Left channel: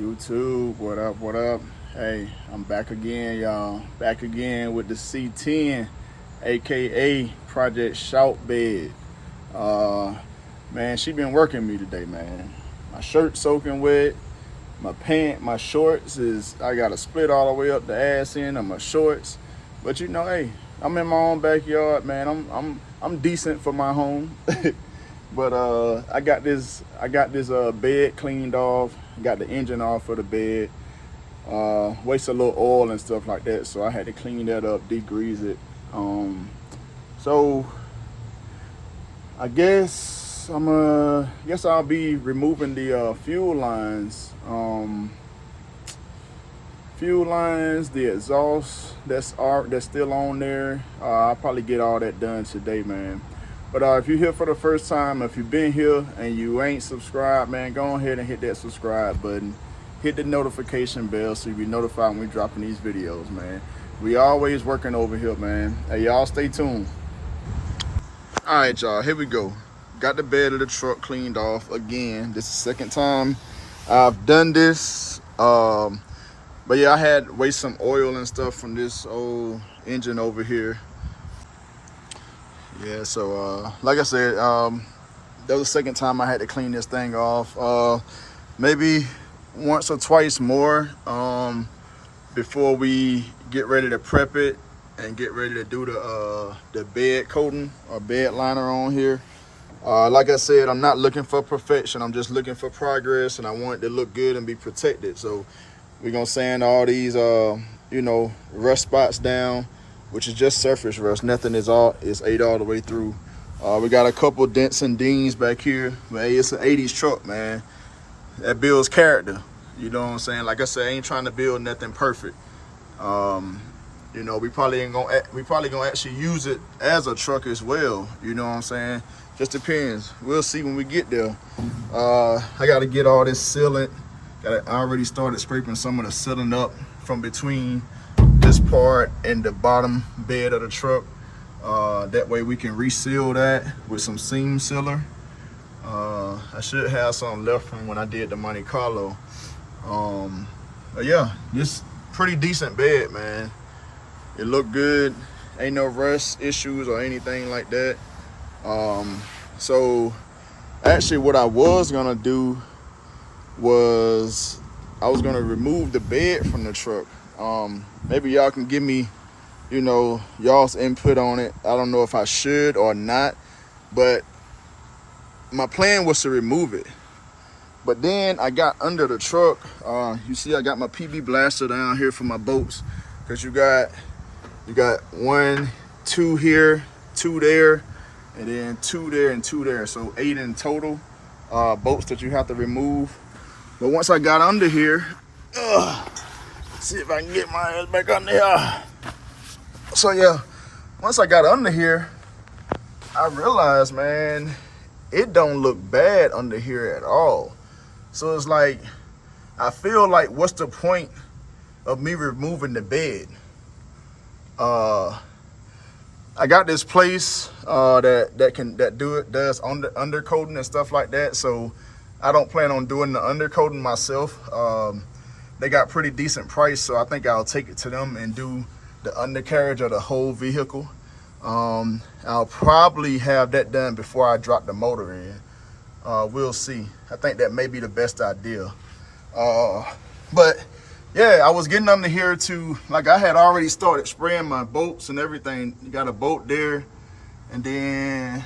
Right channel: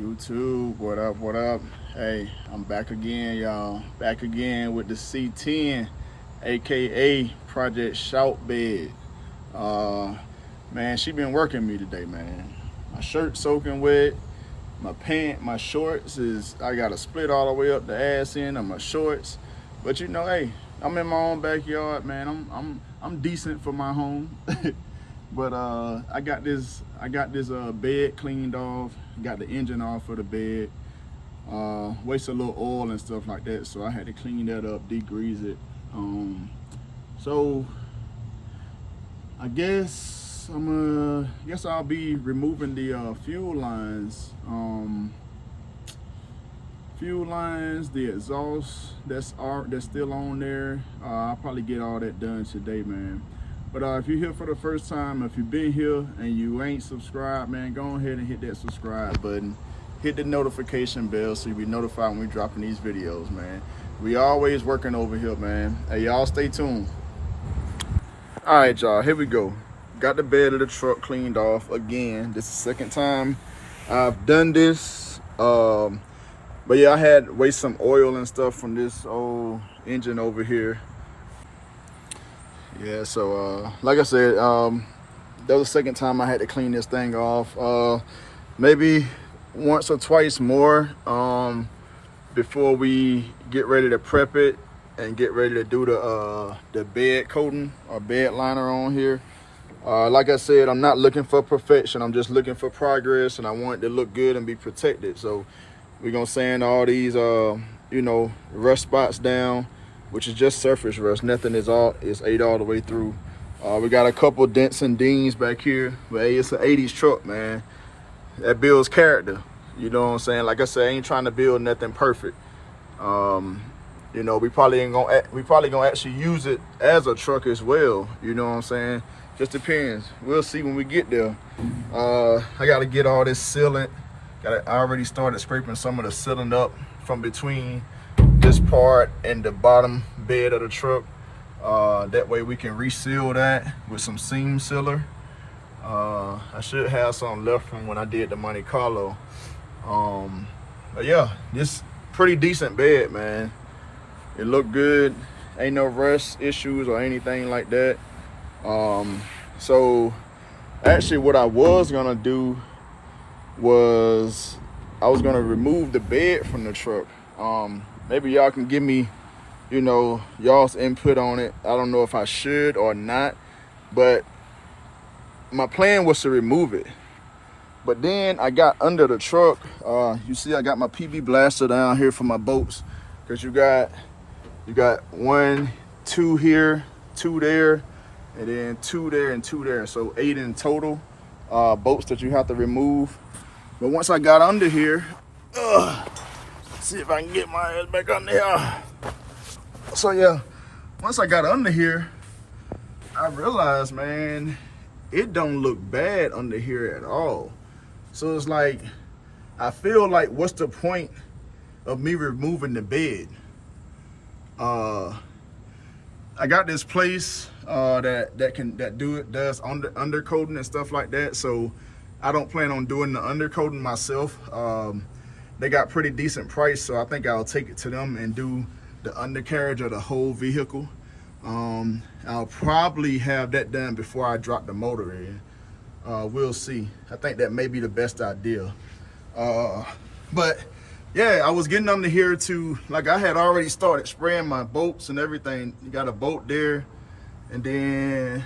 YouTube, what up, what up? Hey, I'm back again, y'all. Back again with the C10, aka ProJect ShawtBed. Man, she been working me today, man. My shirt soaking wet. My shorts I got a split all the way up the ass end of my shorts. But you know, hey, I'm in my own backyard, man. I'm decent for my home. But I got this bed cleaned off, got the engine off of the bed, wasted a little oil and stuff like that, so I had to clean that up, degrease it. So I guess I'll be removing the fuel lines, the exhaust that's still on there. I'll probably get all that done today, man. But if you're here for the first time, if you've been here and you ain't subscribed, man, go ahead and hit that subscribe button. Hit the notification bell so you'll be notified when we're dropping these videos, man. We always working over here, man. Hey, y'all stay tuned. All right, y'all, here we go. Got the bed of the truck cleaned off again. This is the second time I've done this. But yeah, I had to waste some oil and stuff from this old engine over here. Yeah, so like I said, that was the second time I had to clean this thing off. Maybe once or twice more before we get ready to prep it and get ready to do the bed coating or bed liner on here. Like I said, I'm not looking for perfection. I'm just looking for progress, and I want it to look good and be protected. So we're gonna sand all these rust spots down, which is just surface rust. Nothing is ate all the way through. We got a couple dents and dings back here, but hey, it's an 80s truck, man. That builds character. You know what I'm saying? Like I said, I ain't trying to build nothing perfect. We probably gonna actually use it as a truck as well. You know what I'm saying? Just depends. We'll see when we get there. I got to get all this sealant. I already started scraping some of the sealant up from between this part and the bottom bed of the truck. That way we can reseal that with some seam sealer. I should have some left from when I did the Monte Carlo. But yeah, this pretty decent bed, man. It looked good. Ain't no rust issues or anything like that. So actually what I was gonna do was I was gonna remove the bed from the truck. Maybe y'all can give me, y'all's input on it. I don't know if I should or not, but my plan was to remove it. But then I got under the truck. You see, I got my PB blaster down here for my bolts, because you got 1, 2 here, 2 there, and then 2 there and 2 there. So 8 in total bolts that you have to remove. But once I got under here, see if I can get my ass back under here. So yeah, once I got under here, I realized, man, it don't look bad under here at all. So it's like, I feel like, what's the point of me removing the bed? I got this place that does undercoating and stuff like that. So I don't plan on doing the undercoating myself. They got pretty decent price, so I think I'll take it to them and do the undercarriage of the whole vehicle. I'll probably have that done before I drop the motor in. We'll see. I think that may be the best idea. But yeah, I was getting under here to, like, I had already started spraying my bolts and everything. You got a bolt there, and then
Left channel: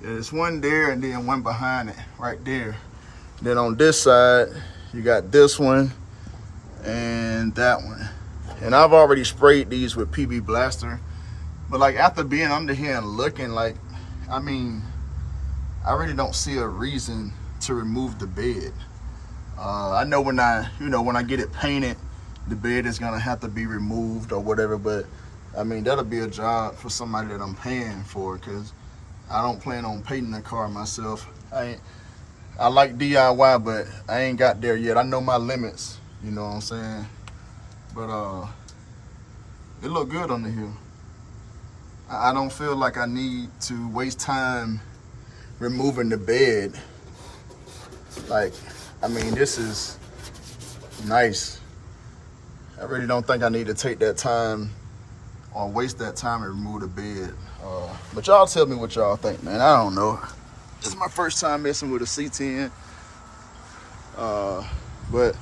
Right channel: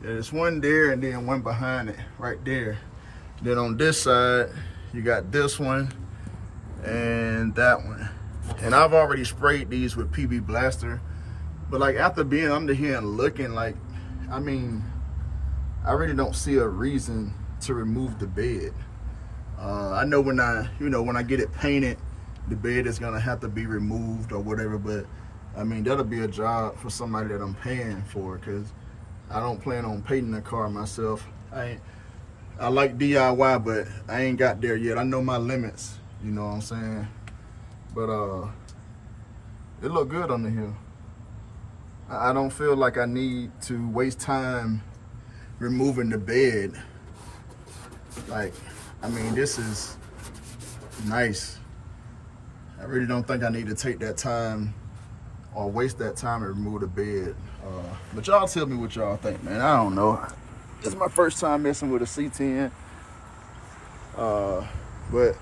there's one there, and then one behind it right there. Then on this side, you got this one and that one. And I've already sprayed these with PB Blaster. But like, after being under here and looking, like, I mean, I really don't see a reason to remove the bed. I know when I get it painted, the bed is gonna have to be removed or whatever, but I mean, that'll be a job for somebody that I'm paying for, because I don't plan on painting the car myself. I like DIY, but I ain't got there yet. I know my limits, you know what I'm saying? But it look good under here. I don't feel like I need to waste time removing the bed. Like, I mean, this is Nice. I really don't think I need to take that time or waste that time and remove the bed. But y'all tell me what y'all think, man. I don't know. This is my first time messing with a C10. But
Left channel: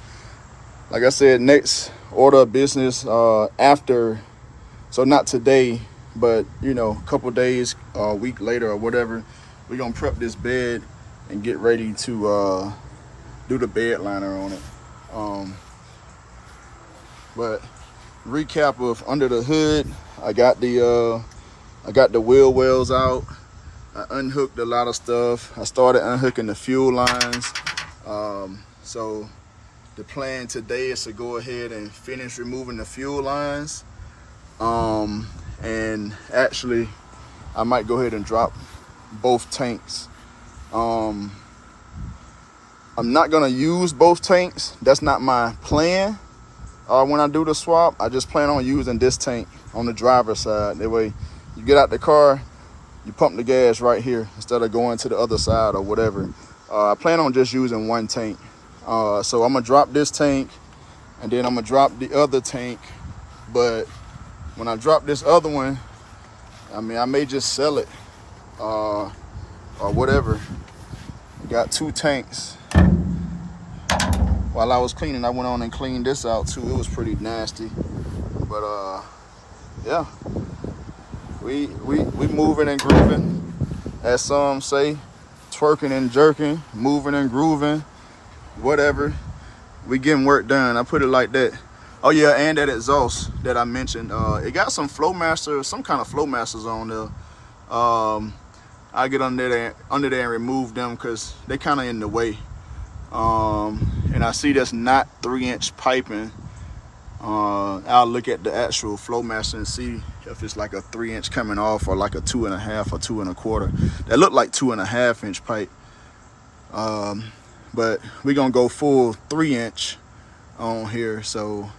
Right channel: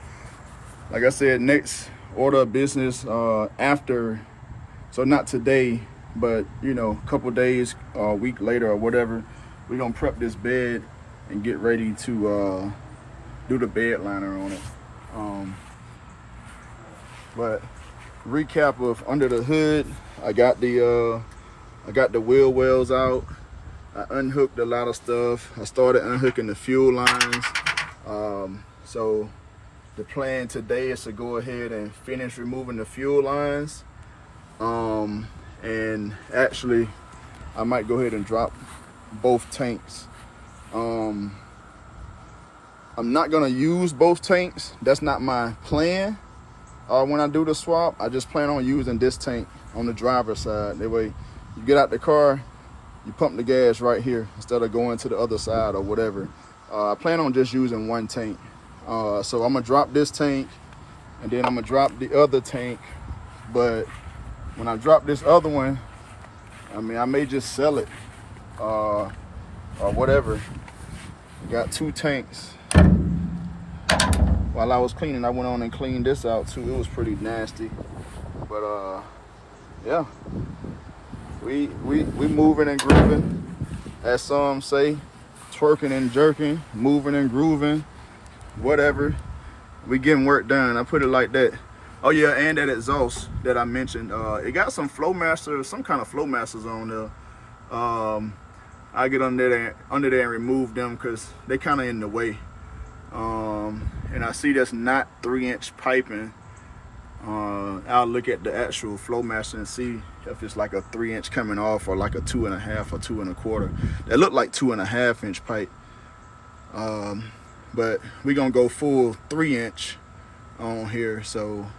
like I said, next order of business after, so not today, but you know, a couple days, a week later or whatever, we're gonna prep this bed and get ready to do the bed liner on it. But recap of under the hood, I got the wheel wells out. I unhooked a lot of stuff. I started unhooking the fuel lines. So the plan today is to go ahead and finish removing the fuel lines. And actually, I might go ahead and drop both tanks. I'm not gonna use both tanks. That's not my plan. When I do the swap, I just plan on using this tank on the driver's side. That way, you get out the car, you pump the gas right here instead of going to the other side or whatever. I plan on just using one tank. So I'm gonna drop this tank and then I'm gonna drop the other tank. But when I drop this other one, I mean, I may just sell it or whatever. We got two tanks. While I was cleaning, I went on and cleaned this out too. It was pretty nasty, but yeah, we moving and grooving, as some say, twerking and jerking, moving and grooving, whatever. We getting work done. I put it like that. Oh yeah, and that exhaust that I mentioned, it got some Flowmaster, some kind of Flowmasters on there. I get under there and remove them because they kind of in the way. And I see that's not 3-inch piping. I'll look at the actual Flowmaster and see if it's like a 3-inch coming off or like a 2.5 or 2 1/4. That look like 2.5-inch pipe. But we're gonna go full 3-inch on here. So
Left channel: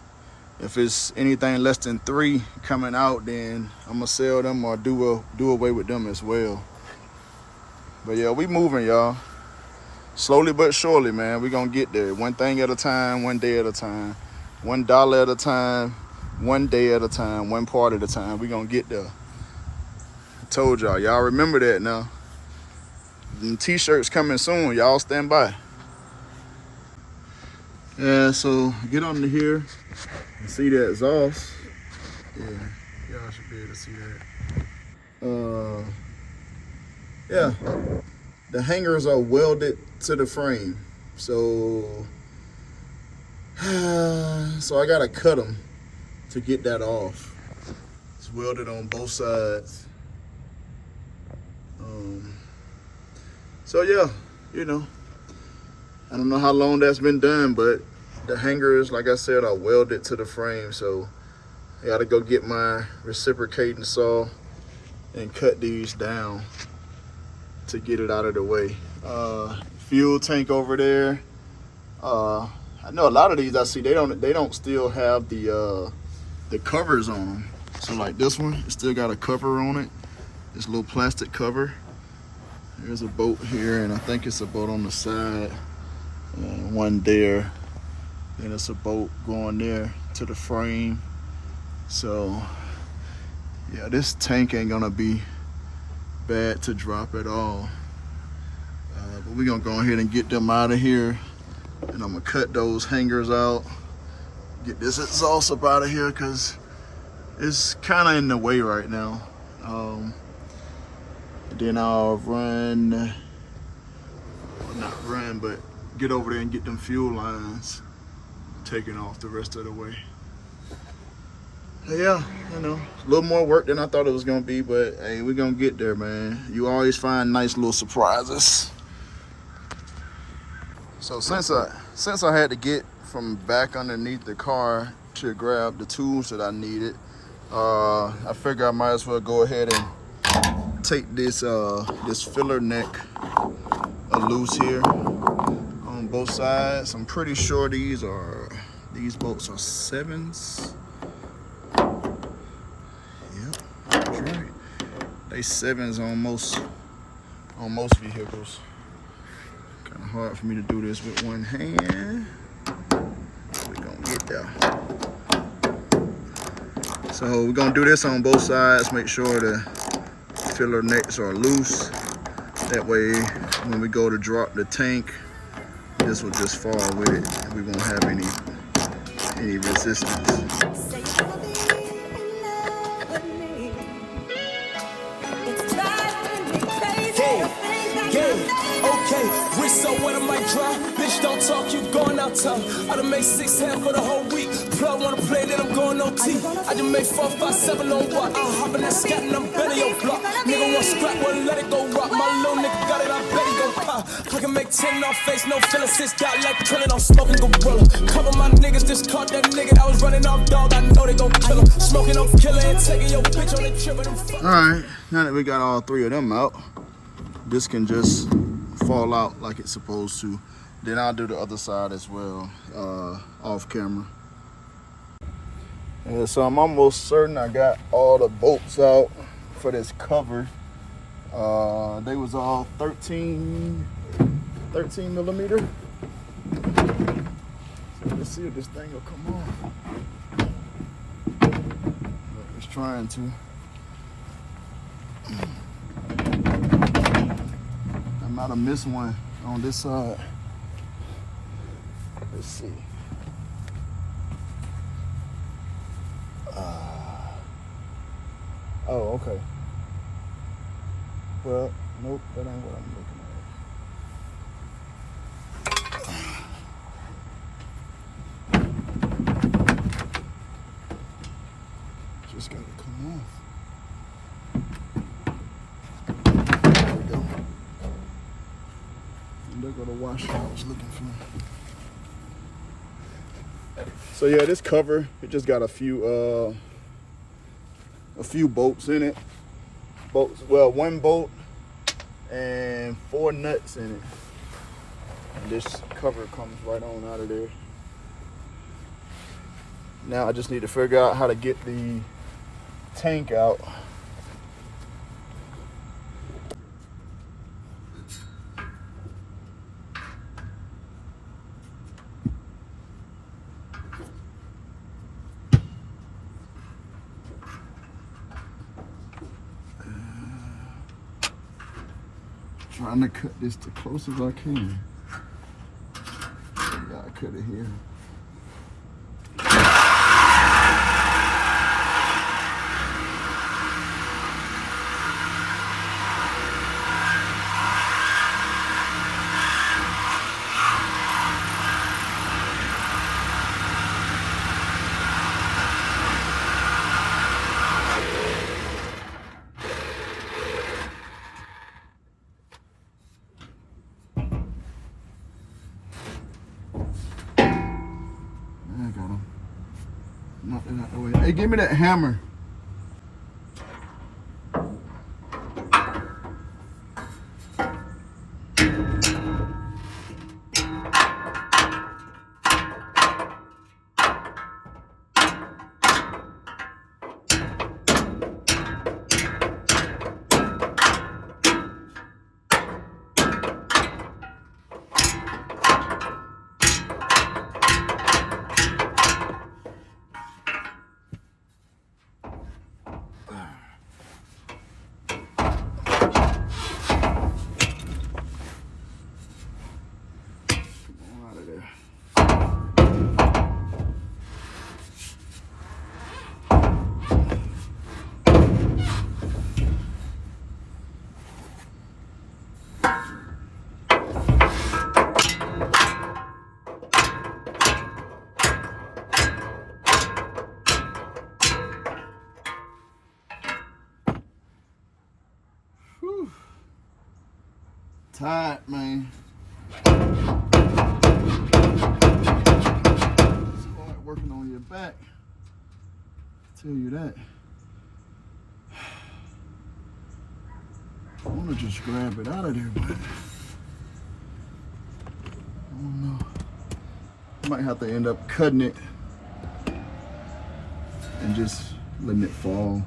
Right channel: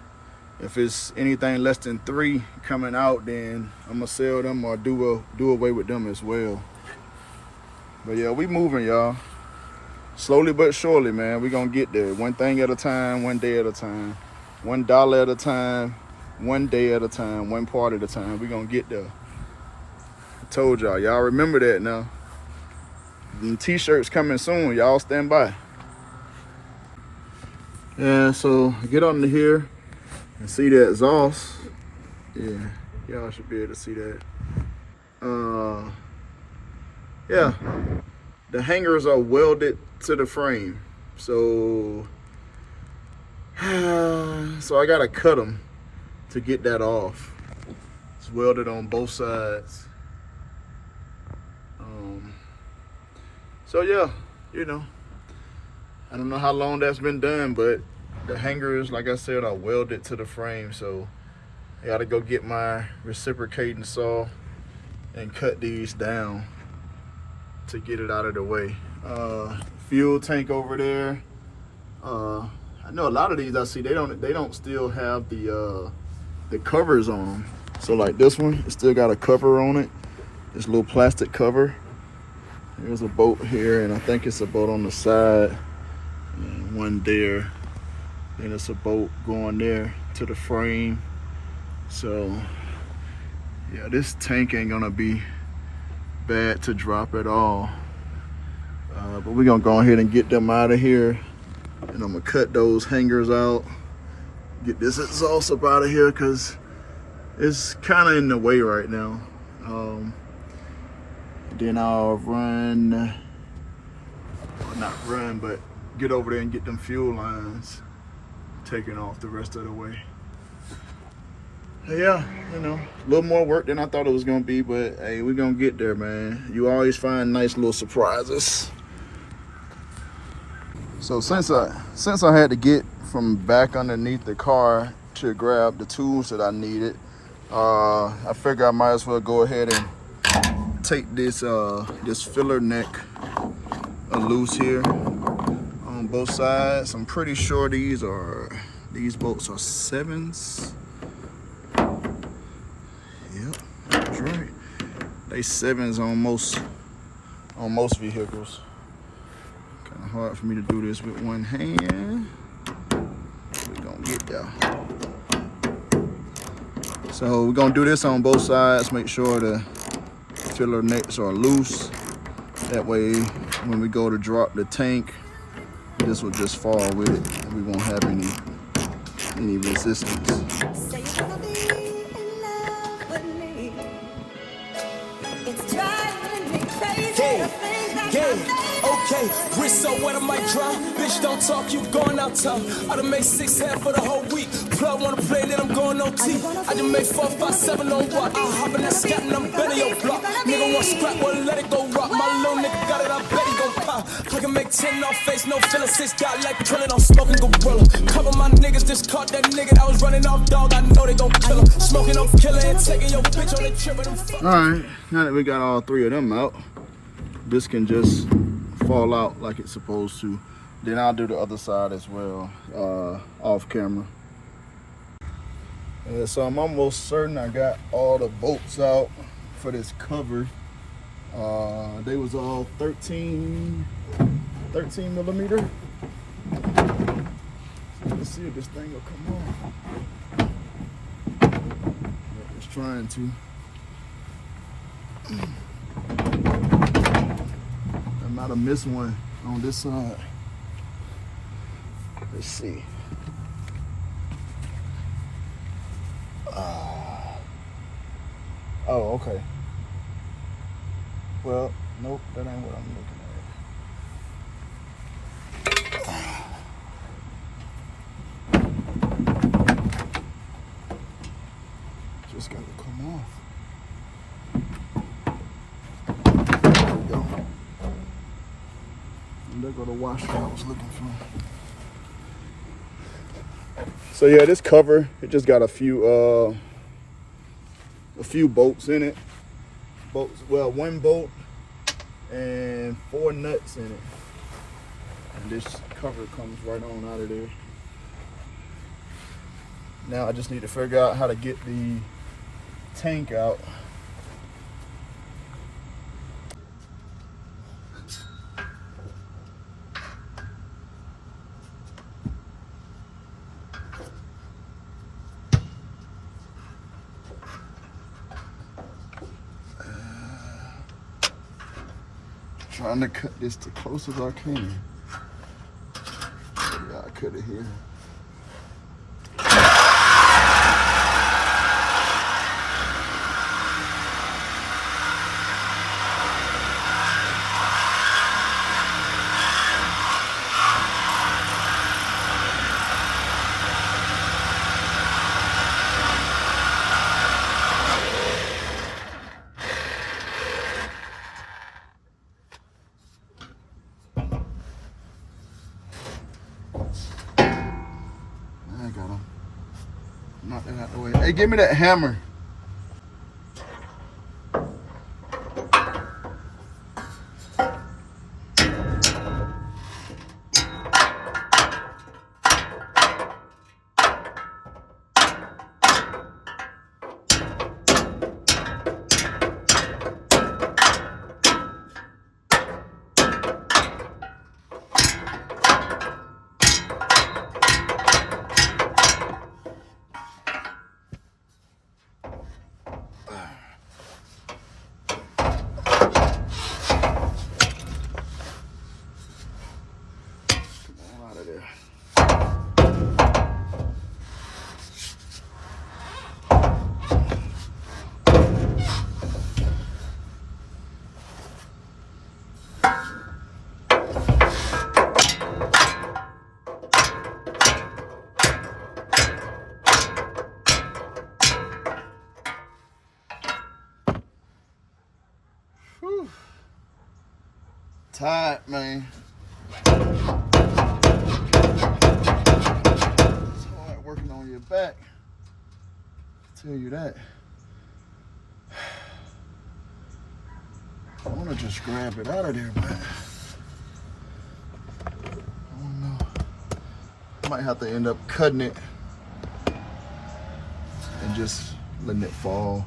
if it's anything less than 3 coming out, then I'm gonna sell them or do away with them as well. But yeah, we moving, y'all. Slowly but surely, man, we're gonna get there. One thing at a time, one day at a time, $1 at a time, one day at a time, one part at a time. We're gonna get there. I told y'all remember that now. And t-shirts coming soon, y'all stand by. Yeah, so get under here and see that exhaust. Yeah, y'all should be able to see that. Yeah. The hangers are welded to the frame, so I gotta cut them to get that off. It's welded on both sides. So yeah, you know, I don't know how long that's been done, but the hangers, like I said, are welded to the frame, so I gotta go get my reciprocating saw and cut these down to get it out of the way. Fuel tank over there. I know a lot of these I see they don't still have the covers on them. So like this one, it still got a cover on it. This little plastic cover. There's a bolt here, and I think it's a bolt on the side. One there. Then it's a bolt going there to the frame. So yeah, this tank ain't gonna be bad to drop at all. But we're gonna go ahead and get them out of here, and I'm gonna cut those hangers out, get this exhaust up out of here because it's kind of in the way right now. Then I'll run, well, not run, but get over there and get them fuel lines taken off the rest of the way. Yeah, you know, a little more work than I thought it was gonna be, but hey, we're gonna get there, man. You always find nice little surprises. So since I had to get from back underneath the car to grab the tools that I needed, I figured I might as well go ahead and take this this filler neck loose here on both sides. I'm pretty sure these bolts are 7s. Yep, that's right. They 7s on most vehicles. Kind of hard for me to do this with one hand. But Yeah. So we're gonna do this on both sides. Make sure the filler necks are loose. That way, when we go to drop the tank, this will just fall with it, and we won't have any resistance. Say you're gonna be in love with me. It's driving me crazy. Okay, wrist so wet I might dry. Bitch, don't talk, you going out town. I done made 6 half for the whole week. Plug wanna play, then I'm going OT. I just made 4, 5, 7 on what? I hop in that scat and I'm betting your block. Nigga want scrap, well let it go rock. My little nigga got it, I bet he gon' pop. I can make 10 off face, no feeling. 6 got like killing, I'm smoking gorilla. Cover my niggas, just caught that nigga that was running off dog. I know they gon' kill him. Smoking on killer and taking your bitch on the trip and them fuck. Alright, now that we got all 3 of them out, this can just fall out like it's supposed to. Then I'll do the other side as well, off camera. Yeah, so I'm almost certain I got all the bolts out for this cover. They was all 13 millimeter. So let's see if this thing will come on. It's trying to. I might have missed one on this side. Let's see. Oh, okay. Well, nope, that ain't what I'm looking for. Just gotta come off. There go the washer I was looking for. So yeah, this cover, it just got a few bolts in it. Well, 1 bolt and 4 nuts in it. And this cover comes right on out of there. Now I just need to figure out how to get the tank out. Trying to cut this as close as I can. Yeah, I cut it here. Knock that out the way. Hey, give me that hammer. Tight, man. It's hard working on your back. I tell you that. I want to just grab it out of there, but I don't know. I might have to end up cutting it and just letting it fall.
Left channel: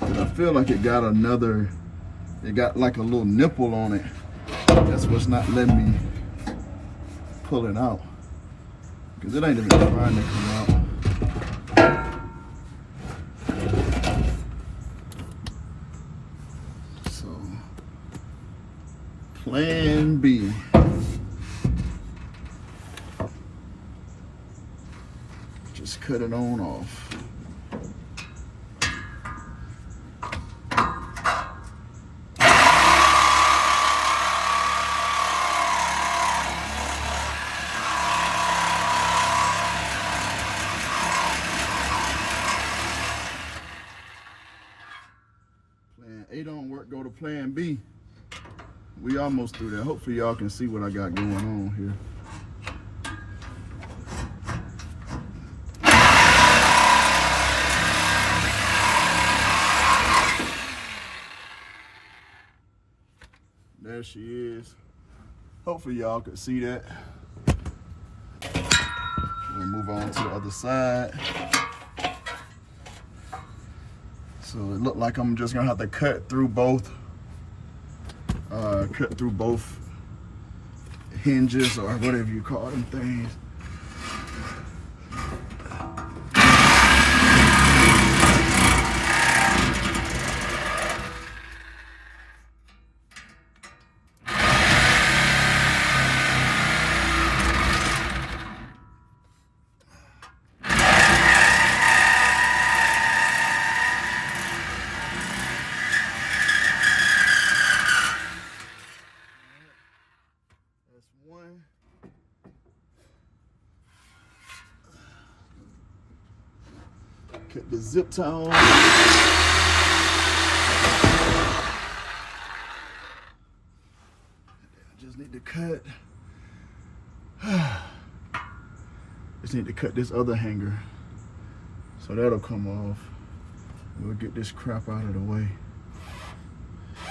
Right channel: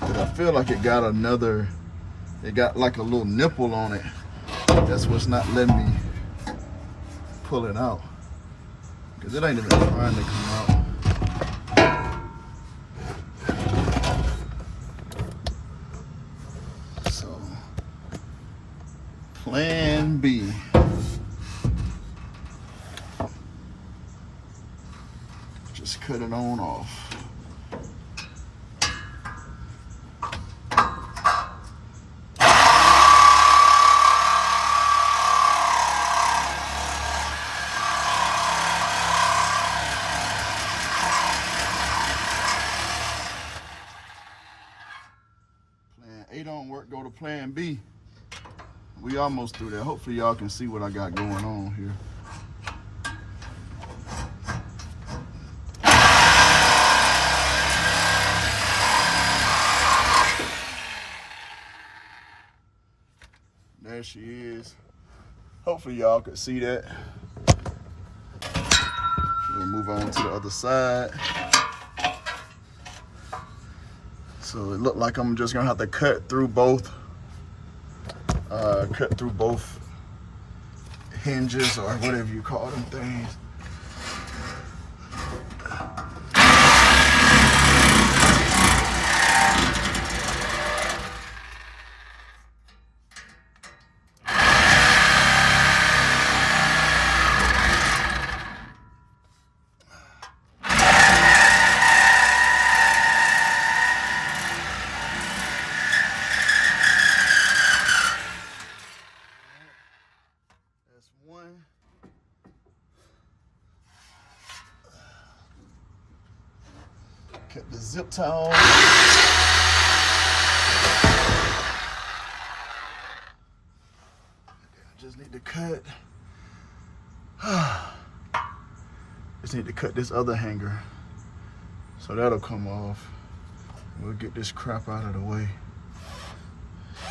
But I feel like it got another. It got like a little nipple on it. That's what's not letting me pull it out. Because it ain't even trying to come out. So, plan B. Just cut it on off. Plan A don't work, go to plan B. We almost through there. Hopefully y'all can see what I got going on here. There she is. Hopefully y'all can see that. We'll move on to the other side. So it looked like I'm just gonna have to cut through both hinges or whatever you call them things. Get the zip tie on. Just need to cut. Just need to cut this other hanger. So that'll come off. We'll get this crap out of the way.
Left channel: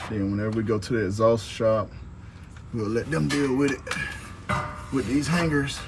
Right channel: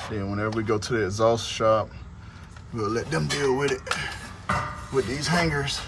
Then whenever we go to the exhaust shop, we'll let them deal with it, with these hangers.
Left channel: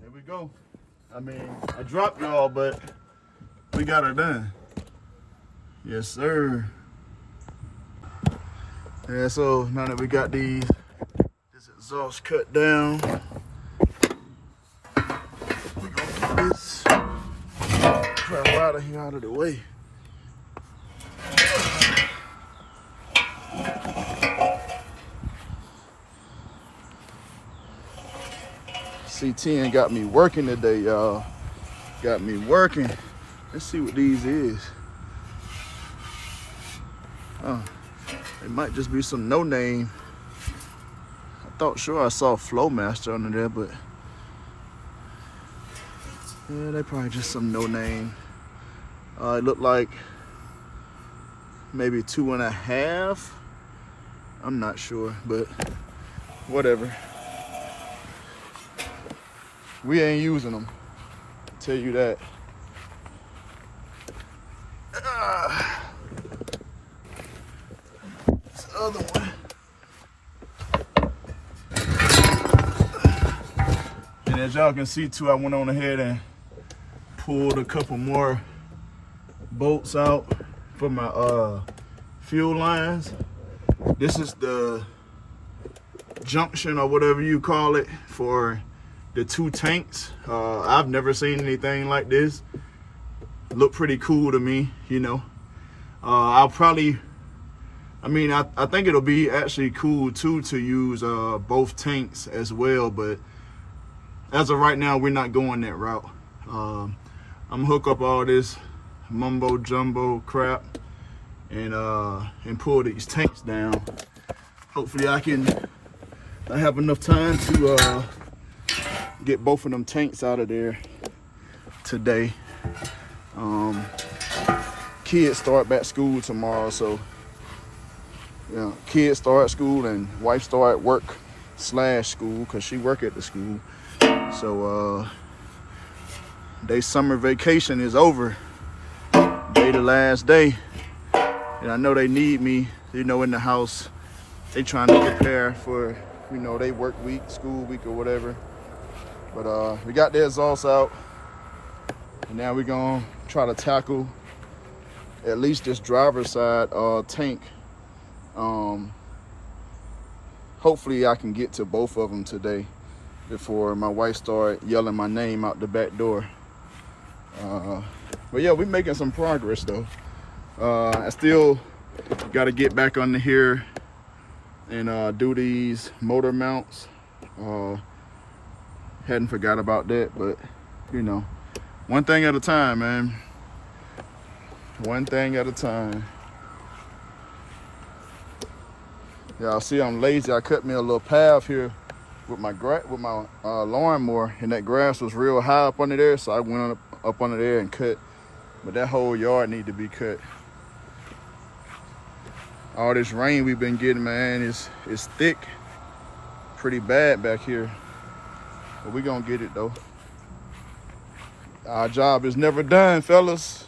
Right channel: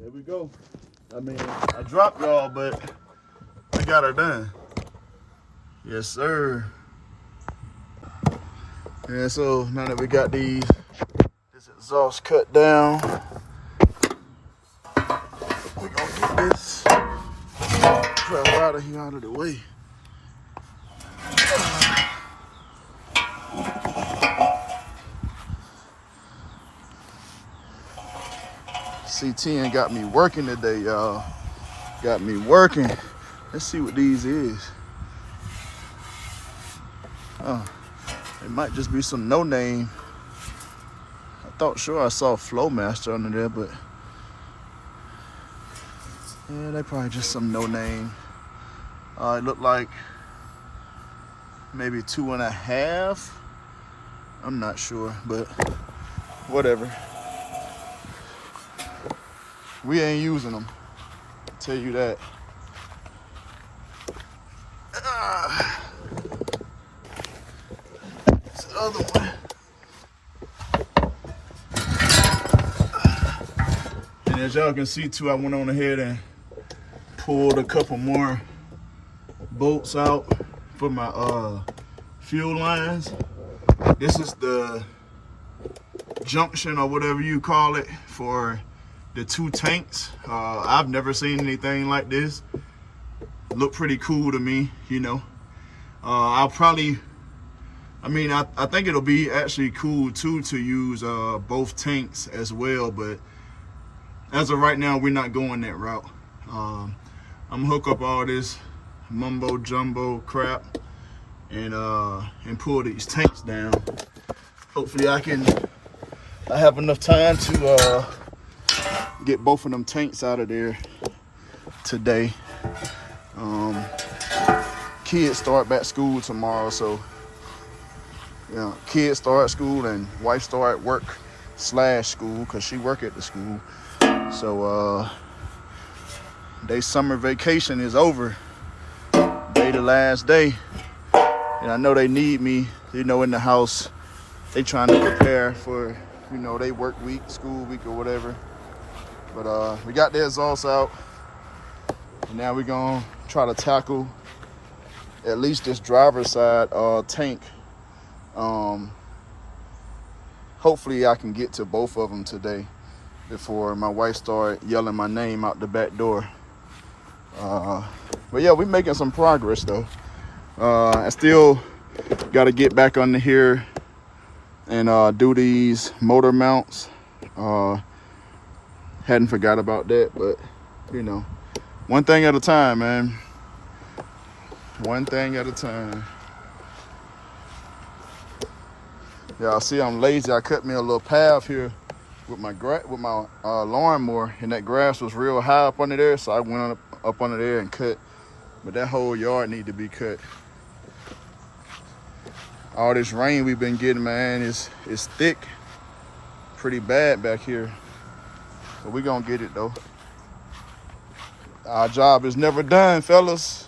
There we go. I mean, I dropped y'all, but we got her done. Yes, sir. Yeah, so now that we got this exhaust cut down, we're gonna get this crap out of here, out of the way. C10 got me working today, y'all. Got me working. Let's see what these is. Oh, it might just be some no name. I thought sure I saw Flowmaster under there, but yeah, they probably just some no name. It looked like maybe 2.5. I'm not sure, but whatever. We ain't using them, I'll tell you that. This other one. And as y'all can see too, I went on ahead and pulled a couple more bolts out for my fuel lines. This is the junction or whatever you call it for the 2 tanks. I've never seen anything like this. Look pretty cool to me, you know. I think it'll be actually cool too to use both tanks as well, but as of right now, we're not going that route. I'm gonna hook up all this mumbo jumbo crap and pull these tanks down. Hopefully I have enough time to get both of them tanks out of there today. Kids start back school tomorrow, so yeah, kids start school and wife start work/school because she work at the school. So they summer vacation is over. Today the last day, and I know they need me, you know, in the house. They trying to prepare for, you know, they work week, school week or whatever. But we got the exhaust out, and now we're gonna try to tackle at least this driver's side tank. Hopefully I can get to both of them today before my wife started yelling my name out the back door. But yeah, we're making some progress though. I still got to get back under here and do these motor mounts. Hadn't forgot about that, but you know, one thing at a time, man. One thing at a time. Y'all see I'm lazy. I cut me a little path here with my lawnmower, and that grass was real high up under there, so I went up under there and cut. But that whole yard need to be cut. All this rain we've been getting, man, is thick, pretty bad back here. But we gonna get it though. Our job is never done, fellas.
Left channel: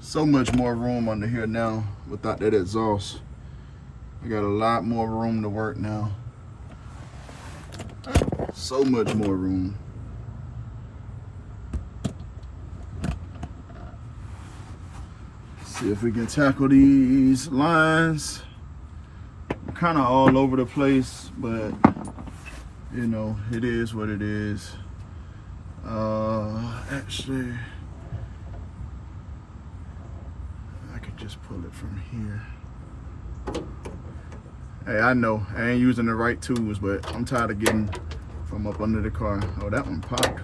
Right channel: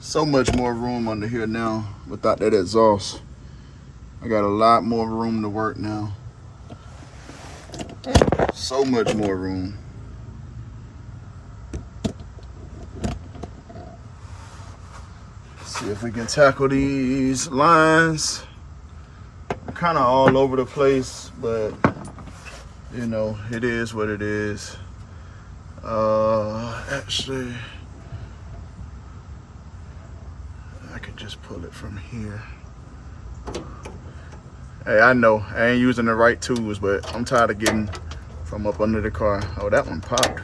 So much more room under here now without that exhaust. I got a lot more room to work now. So much more room. See if we can tackle these lines. I'm kind of all over the place, but you know, it is what it is. Actually, I could just pull it from here. Hey, I know I ain't using the right tools, but I'm tired of getting from up under the car. Oh, that one popped.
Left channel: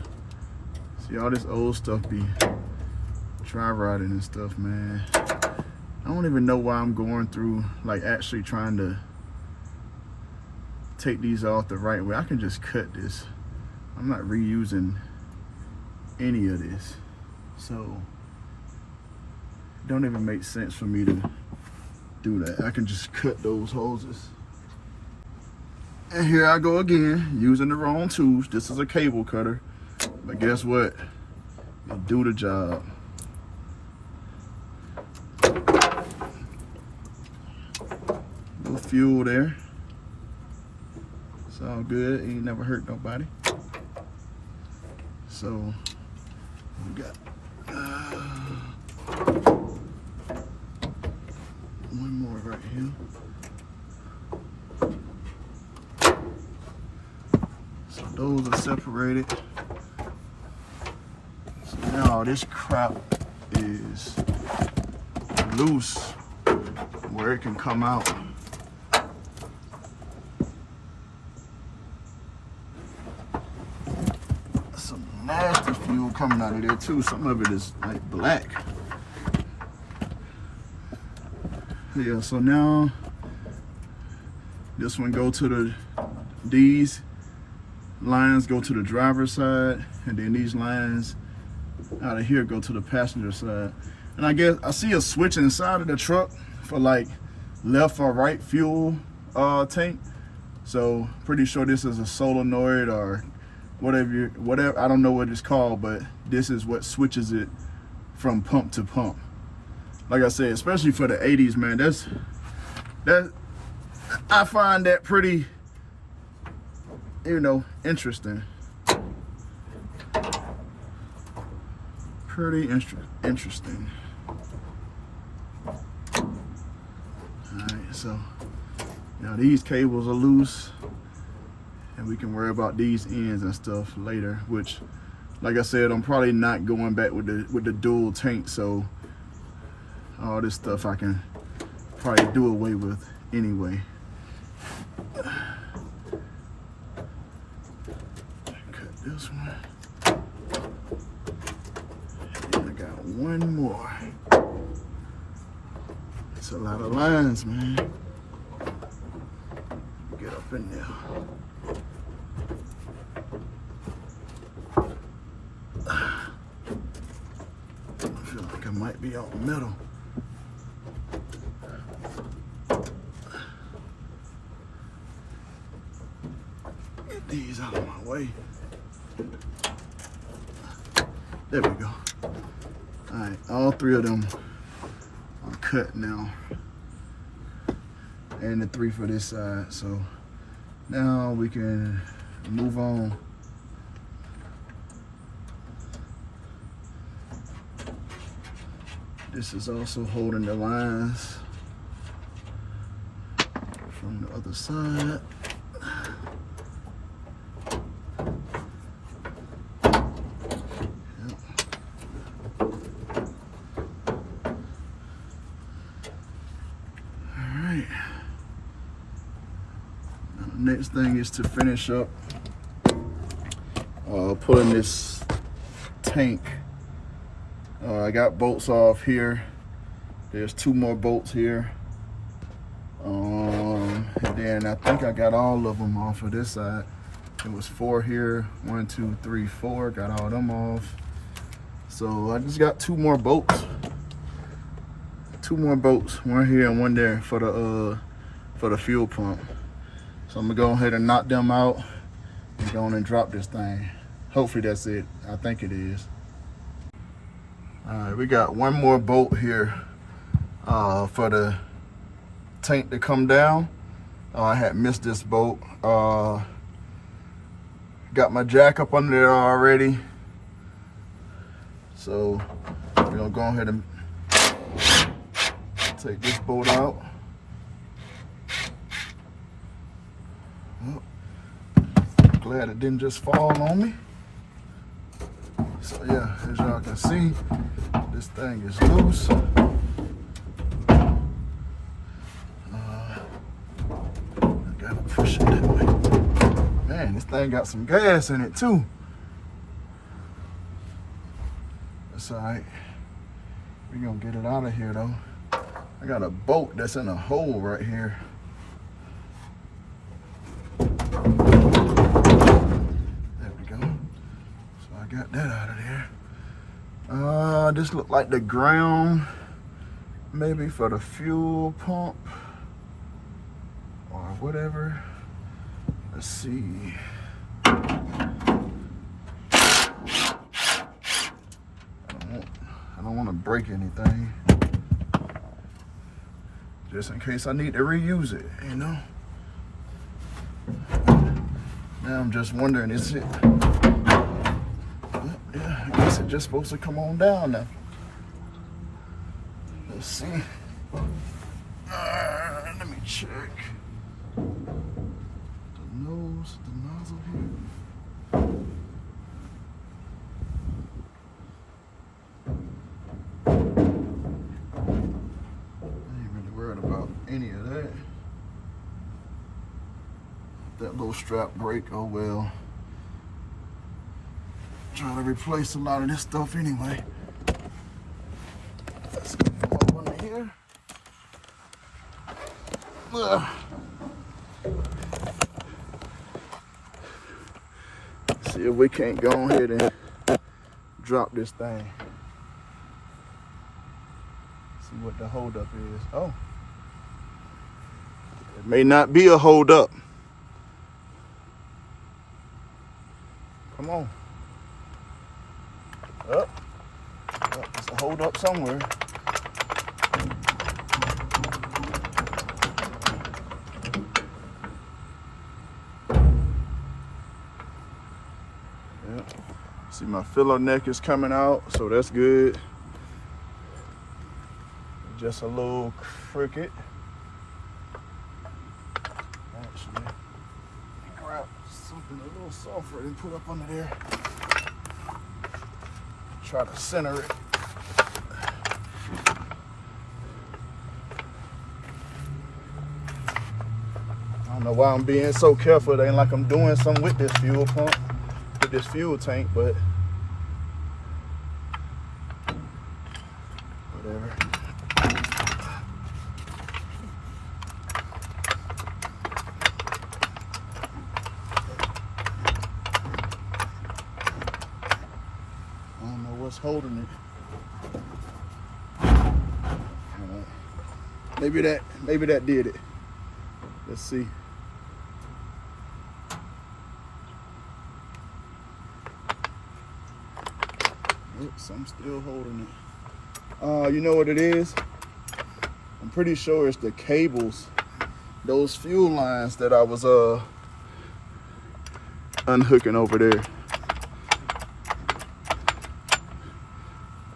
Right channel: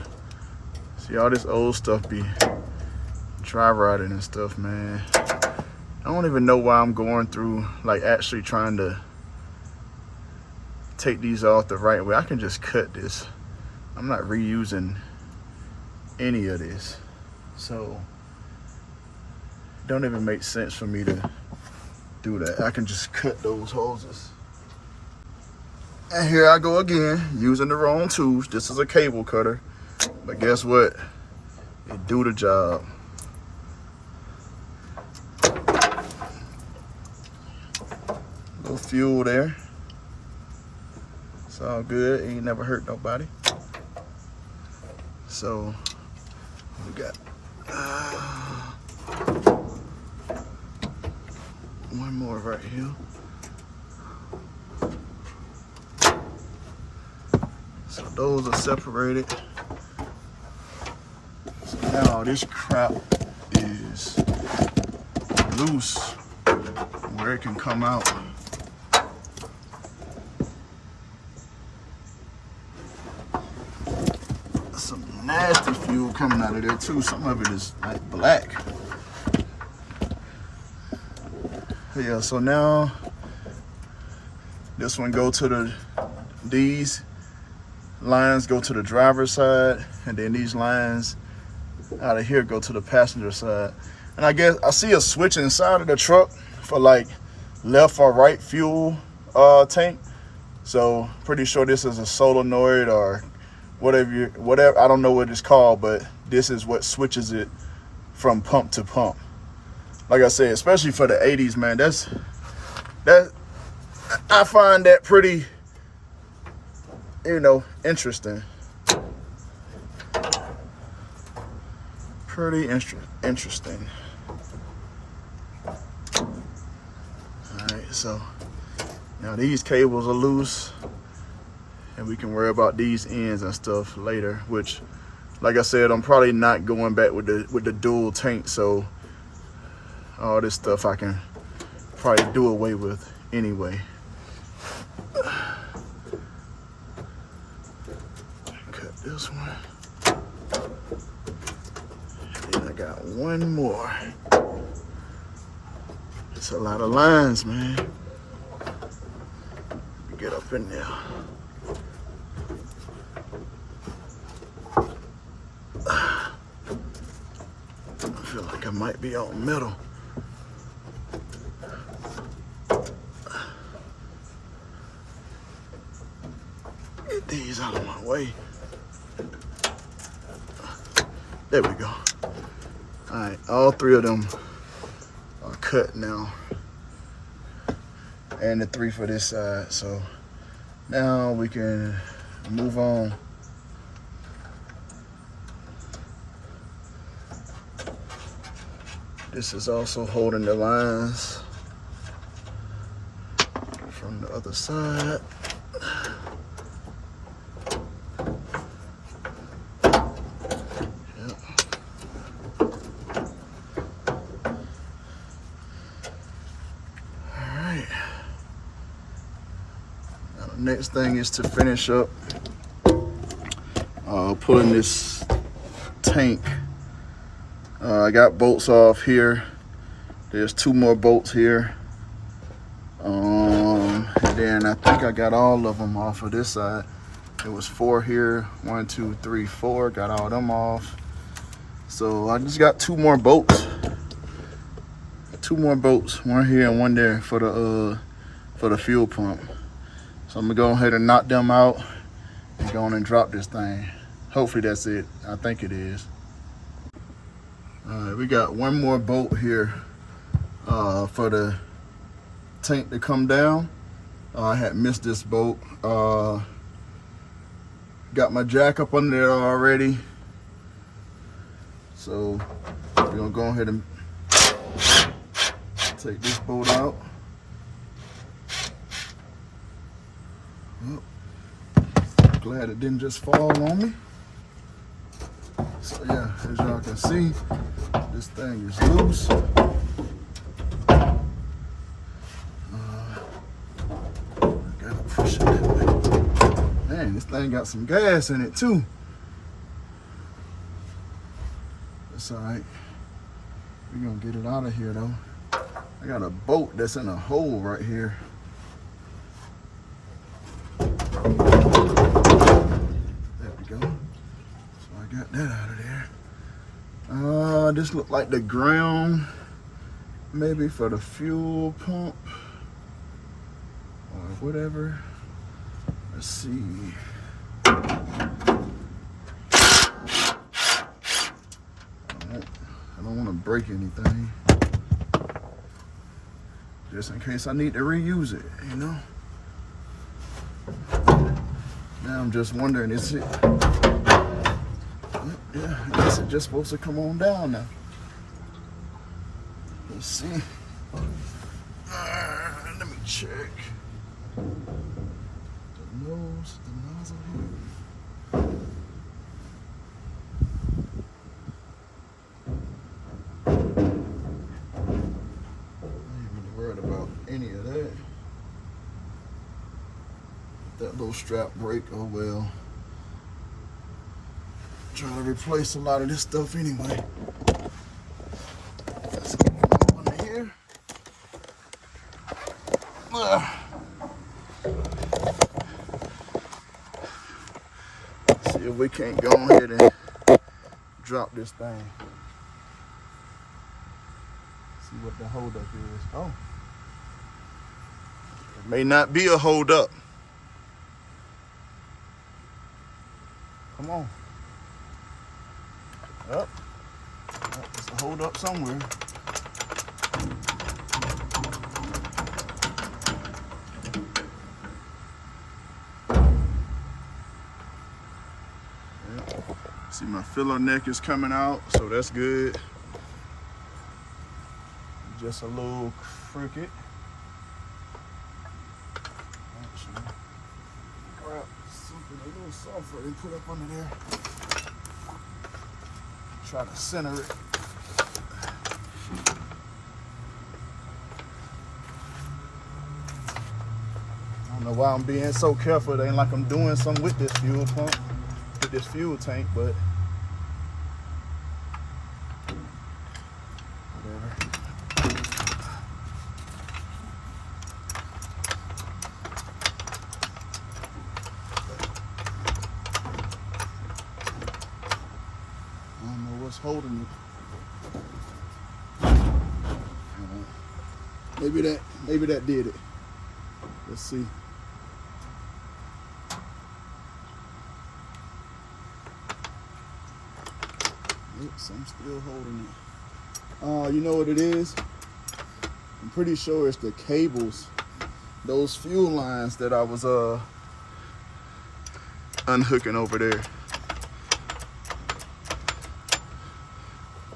See, all this old stuff be dry rotting and stuff, man. I don't even know why I'm going through, like, actually trying to take these off the right way. I can just cut this. I'm not reusing any of this. So, it don't even make sense for me to do that. I can just cut those hoses. And here I go again, using the wrong tools. This is a cable cutter, but guess what? It do the job. No fuel there. It's all good. Ain't never hurt nobody. So we got one more right here. So those are separated. So now this crap is loose where it can come out. Some nasty fuel coming out of there too. Some of it is like black. Yeah, so now this one go to these lines go to the driver's side, and then these lines out of here go to the passenger side. And I guess I see a switch inside of the truck for like left or right fuel tank. So pretty sure this is a solenoid or whatever. I don't know what it's called, but this is what switches it from pump to pump. Like I said, especially for the 80s, man, that I find that pretty, you know, interesting. Pretty interesting. Alright, so now these cables are loose, and we can worry about these ends and stuff later, which, like I said, I'm probably not going back with the dual tank, so all this stuff I can probably do away with anyway. Cut this one. And I got one more. It's a lot of lines, man. Get up in there. I feel like I might be out middle. Get these out of my way. There we go. All right, all 3 of them are cut now. And the 3 for this side. So now we can move on. This is also holding the lines from the other side. Yep. All right. Now the next thing is to finish up pulling this tank. I got bolts off here. There's 2 more bolts here. And then I think I got all of them off of this side. It was 4 here. 1, 2, 3, 4. Got all them off. So I just got 2 more bolts. 2 more bolts. 1 here and 1 there for the fuel pump. So I'm gonna go ahead and knock them out and go on and drop this thing. Hopefully that's it. I think it is. We got 1 more bolt here for the tank to come down. I had missed this bolt. Got my jack up under there already. So we're gonna go ahead and take this bolt out. Well, glad it didn't just fall on me. So yeah, as y'all can see, this thing is loose. Gotta push it that way. Man, this thing got some gas in it too. It's alright. We're gonna get it out of here though. I got a bolt that's in a hole right here. Got that out of there. This looked like the ground, maybe for the fuel pump or whatever. Let's see. I don't want to break anything, just in case I need to reuse it, you know. Now I'm just wondering, is it? Yeah, I guess it's just supposed to come on down now. Let's see. Let me check. The nose, the nozzle here. I ain't really worried about any of that. That little strap break, oh well. Trying to replace a lot of this stuff anyway. Let's get up under here. See if we can't go ahead and drop this thing. See what the holdup is. Oh, it may not be a holdup. Come on. Yep. There's a hold up somewhere. Yep. See, my filler neck is coming out, so that's good. Just a little crooked. Actually, grab something a little softer and put up under there. Try to center it. I don't know why I'm being so careful. It ain't like I'm doing something with this fuel pump, with this fuel tank, but whatever. Holding it. Maybe that did it. Let's see. Oops, I'm still holding it. You know what it is? I'm pretty sure it's the cables, those fuel lines that I was unhooking over there.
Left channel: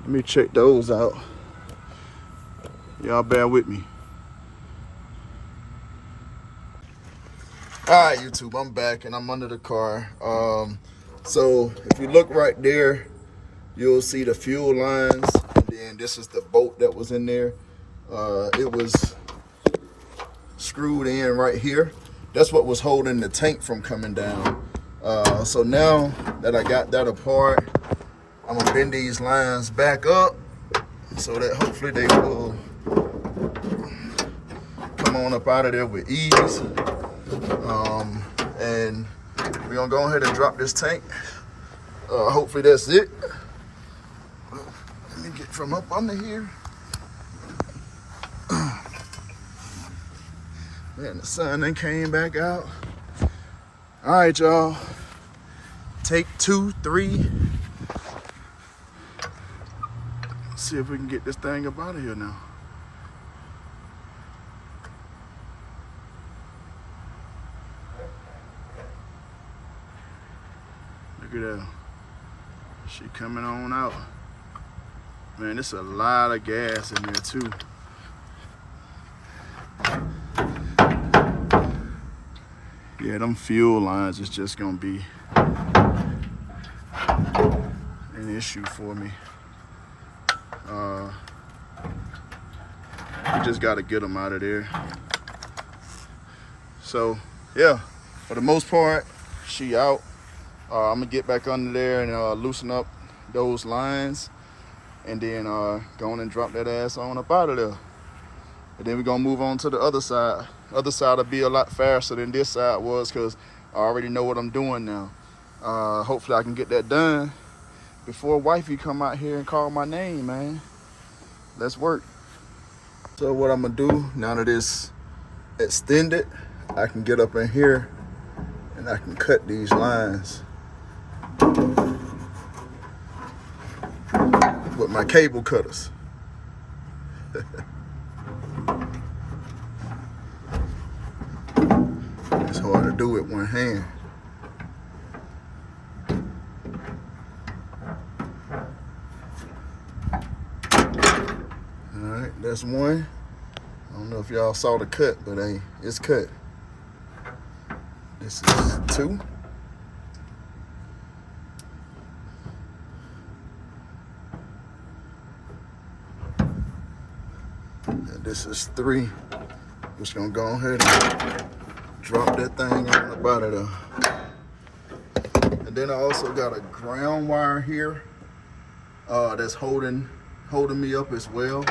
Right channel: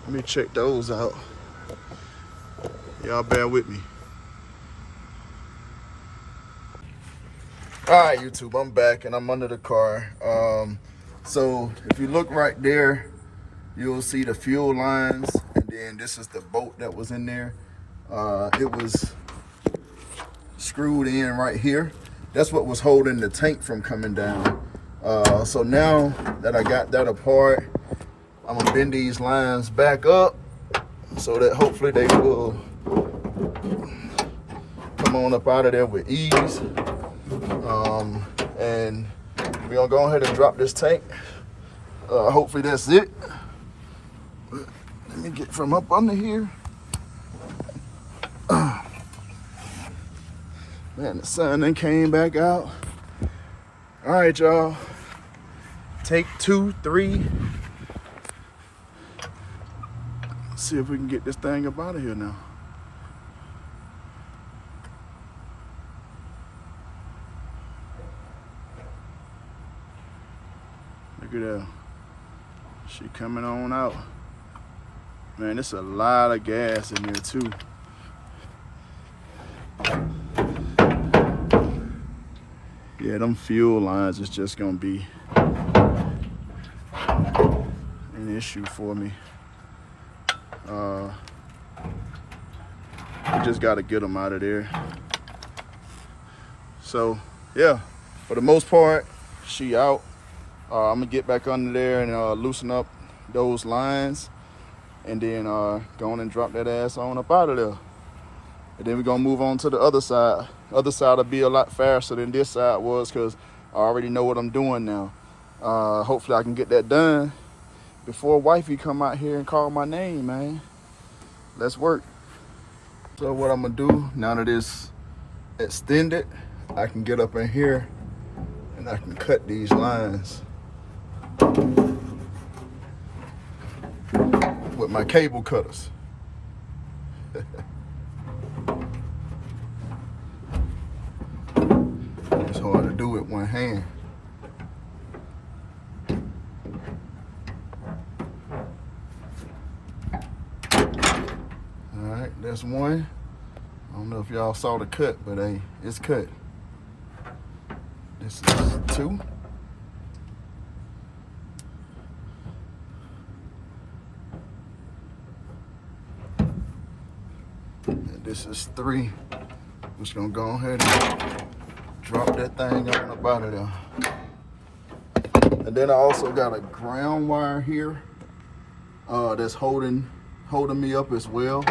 Let me check those out. Y'all bear with me. All right, YouTube, I'm back and I'm under the car. So if you look right there, you'll see the fuel lines, and then this is the bolt that was in there. It was screwed in right here. That's what was holding the tank from coming down. So now that I got that apart, I'm gonna bend these lines back up so that hopefully they will come on up out of there with ease. And we're gonna go ahead and drop this tank. Hopefully that's it. Let me get from up under here. Man, the sun then came back out. All right, y'all. Take 2, 3. See if we can get this thing up out of here now. Look at that. She coming on out. Man, there's a lot of gas in there too. Yeah, them fuel lines is just gonna be an issue for me. We just gotta get them out of there. So yeah, for the most part, she out. I'm gonna get back under there and loosen up those lines, and then go on and drop that ass on up out of there. And then we're gonna move on to the other side. Other side will be a lot faster than this side was, because I already know what I'm doing now. Hopefully I can get that done before wifey come out here and call my name, man. Let's work. So what I'm gonna do, now that it's extended, I can get up in here and I can cut these lines with my cable cutters. It's hard to do with one hand. All right, that's one. I don't know if y'all saw the cut, but hey, it's cut. This is 2. And this is 3. Just gonna go ahead and drop that thing on up out of there. And then I also got a ground wire here that's holding me up as well.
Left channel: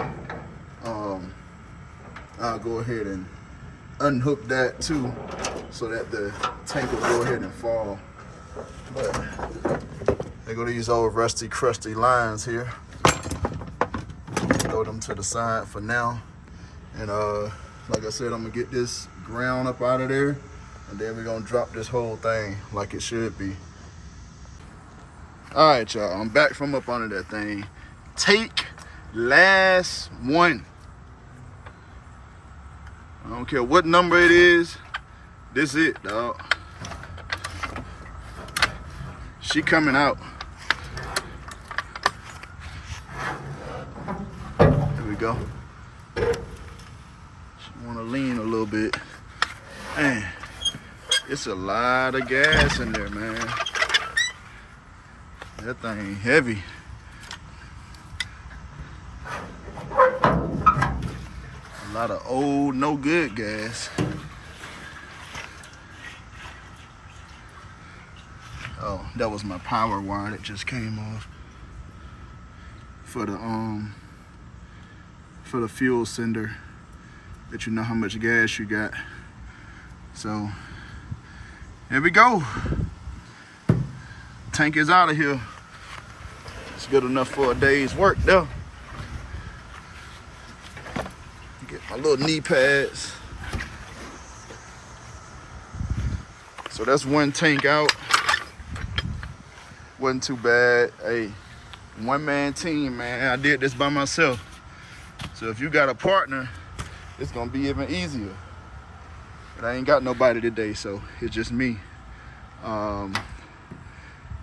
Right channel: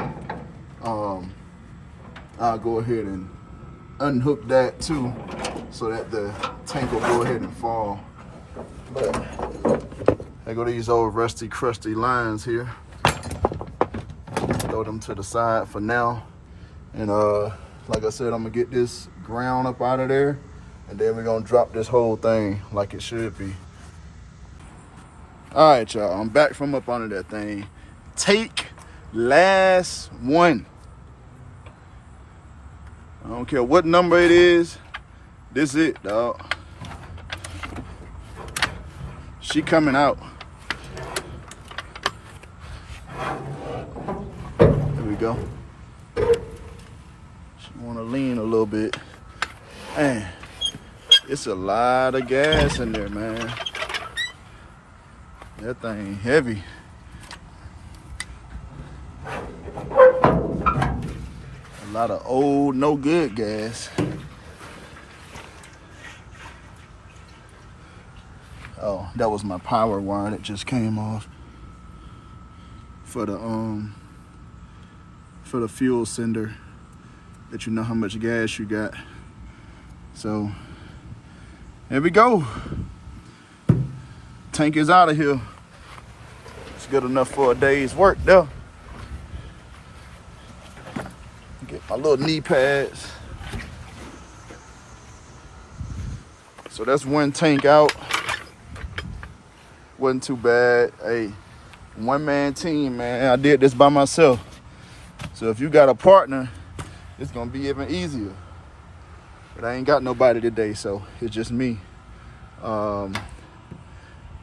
I'll go ahead and unhook that too, so that the tank will go ahead and fall. But there go these old rusty, crusty lines here. Throw them to the side for now. And like I said, I'm gonna get this ground up out of there, and then we're gonna drop this whole thing like it should be. All right, y'all, I'm back from up under that thing. Take last one. I don't care what number it is. This it, dog. She coming out. There we go. She wanna lean a little bit. Man, it's a lot of gas in there, man. That thing heavy. A lot of old, no good gas. Oh, that was my power wire that just came off for the fuel sender, that you know how much gas you got. So here we go. Tank is out of here. It's good enough for a day's work though. Get my little knee pads. So that's one tank out. Wasn't too bad. Hey, one-man team, man. I did this by myself. So if you got a partner, it's gonna be even easier. But I ain't got nobody today, so it's just me.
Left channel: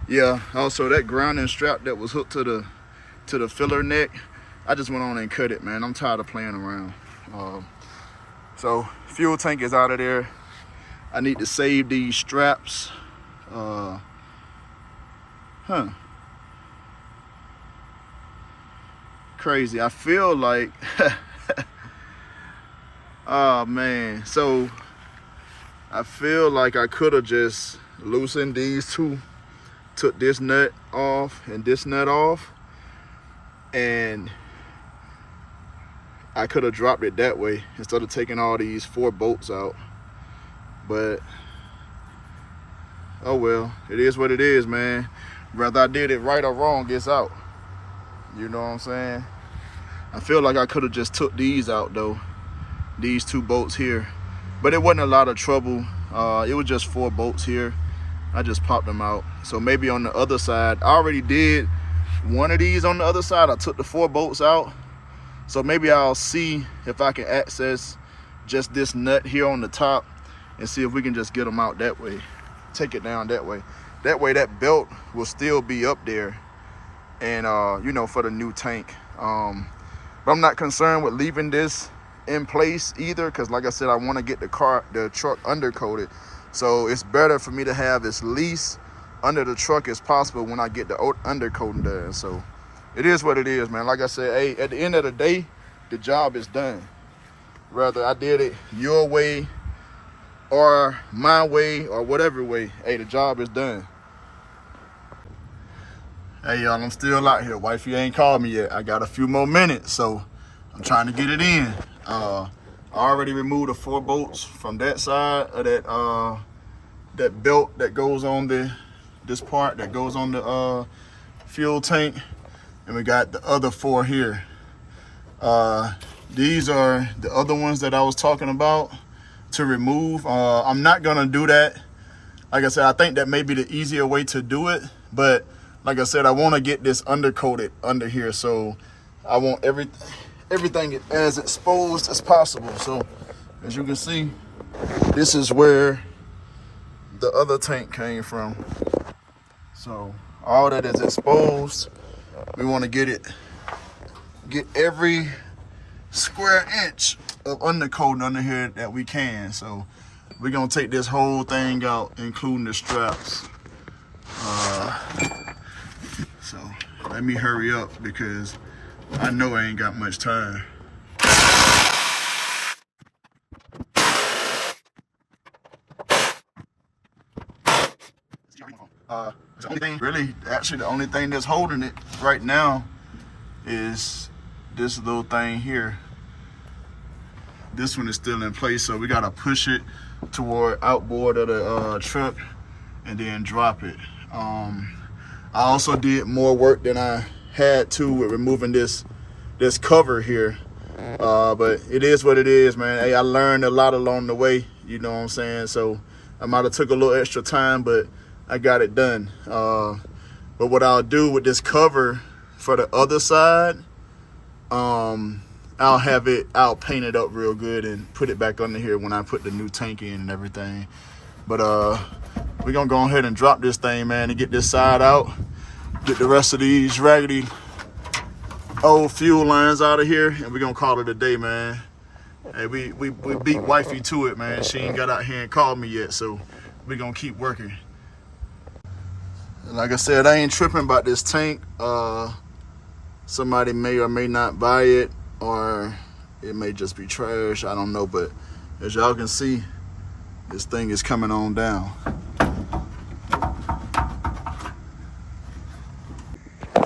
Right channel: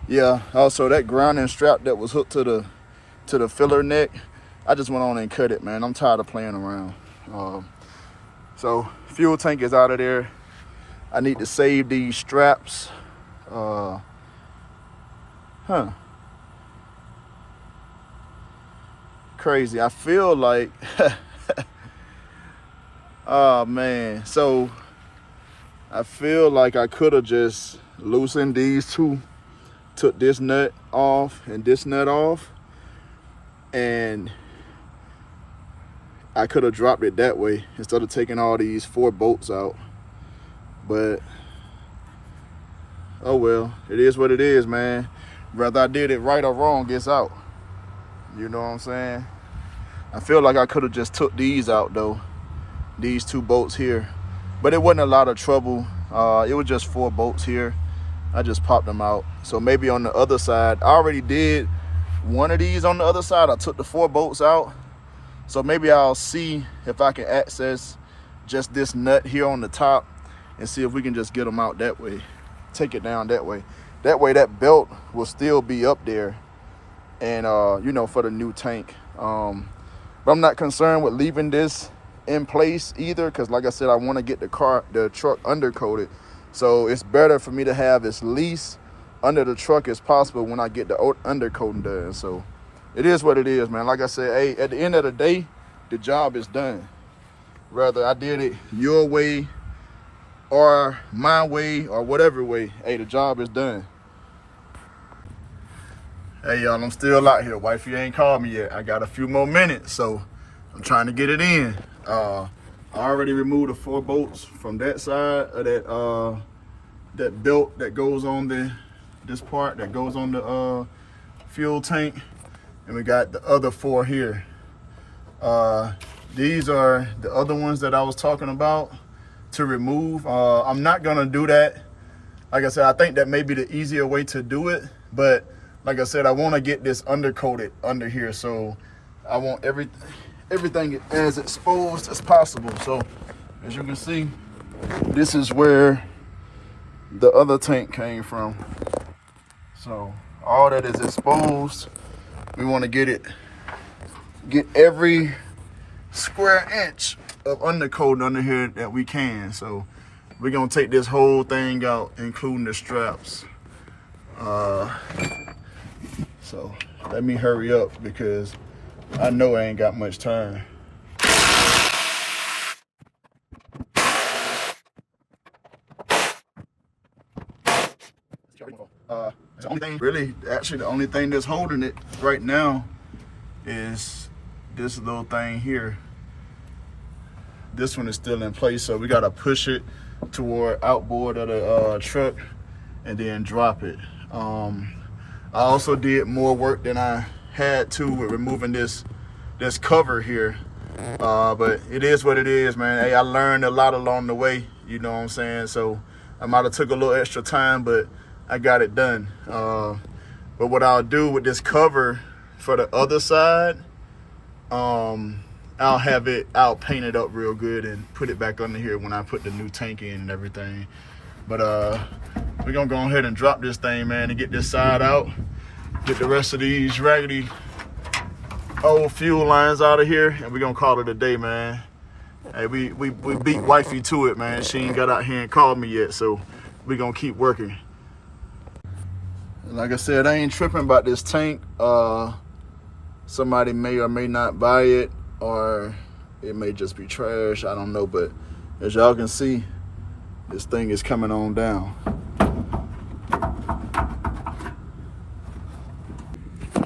Yeah, also that grounding strap that was hooked to the filler neck, I just went on and cut it, man. I'm tired of playing around. So fuel tank is out of there. I need to save these straps. Crazy. I feel like, oh man. So I feel like I could have just loosened these two, took this nut off and this nut off, and I could have dropped it that way instead of taking all these 4 bolts out. But oh well, it is what it is, man. Whether I did it right or wrong, it's out. You know what I'm saying? I feel like I could have just took these out though, these 2 bolts here, but it wasn't a lot of trouble. It was just 4 bolts here. I just popped them out. So maybe on the other side, I already did one of these on the other side. I took the 4 bolts out. So maybe I'll see if I can access just this nut here on the top and see if we can just get them out that way. Take it down that way. That way that belt will still be up there, and you know, for the new tank. But I'm not concerned with leaving this in place either, because like I said, I want to get the truck undercoated. So it's better for me to have as least under the truck as possible when I get the undercoating done. So it is what it is, man. Like I said, hey, at the end of the day, the job is done. Whether I did it your way or my way or whatever way, hey, the job is done. Hey, y'all, I'm still out here. Wifey ain't called me yet. I got a few more minutes, so I'm trying to get it in. I already removed the 4 bolts from that side of that belt that goes on this part that goes on the fuel tank, and we got the other 4 here. These are the other ones that I was talking about to remove. I'm not gonna do that. Like I said, I think that may be the easier way to do it, but like I said, I want to get this undercoated under here, so I want everything as exposed as possible. So as you can see, this is where the other tank came from. So all that is exposed. We want to get every square inch of undercoating under here that we can. So we're gonna take this whole thing out, including the straps. So let me hurry up because I know I ain't got much time. The only thing, really, actually the only thing that's holding it right now is this little thing here. This one is still in place, so we gotta push it toward outboard of the truck and then drop it. I also did more work than I had to with removing this cover here, but it is what it is, man. Hey, I learned a lot along the way, you know what I'm saying? So I might have took a little extra time, but I got it done. But what I'll do with this cover for the other side, I'll paint it up real good and put it back under here when I put the new tank in and everything. But we're gonna go ahead and drop this thing, man, and get this side out, get the rest of these raggedy old fuel lines out of here, and we're gonna call it a day, man. Hey, we beat wifey to it, man. She ain't got out here and called me yet, so we're gonna keep working. And like I said, I ain't tripping about this tank. Somebody may or may not buy it, or it may just be trash, I don't know. But as y'all can see, this thing is coming on down.